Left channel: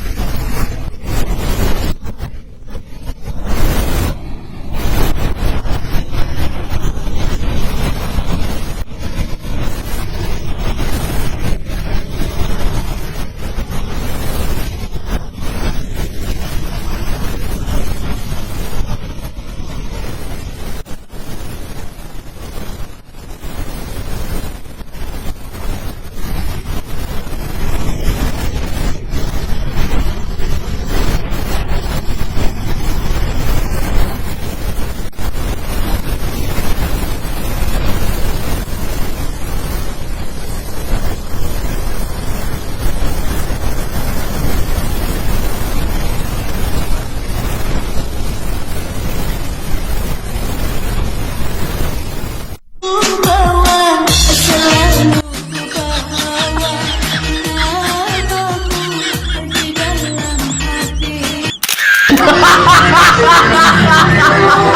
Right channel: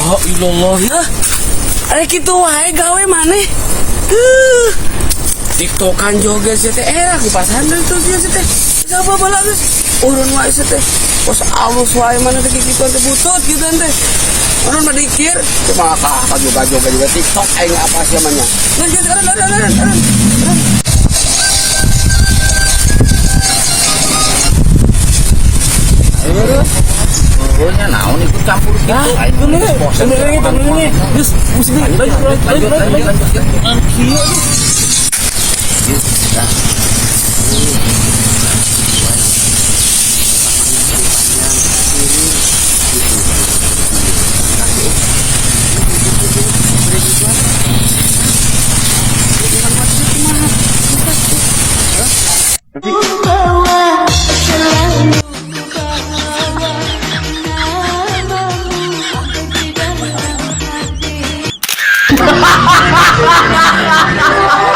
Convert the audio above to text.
ilallah ya. Ada gitu wae gawe maneh. TikTokan joget sih teh aku pas handle tuh sih teh. Siapa bala geus? Urun wae sih teh. Pos alus wae mana teh gitu teh butut gitu teh. Orang mah dikir cuma joget juga TikTok aing apa sih namanya. Lan. Pokoknya naon itu campur gitu. Bener ini. Terus lanjut. Hahaha.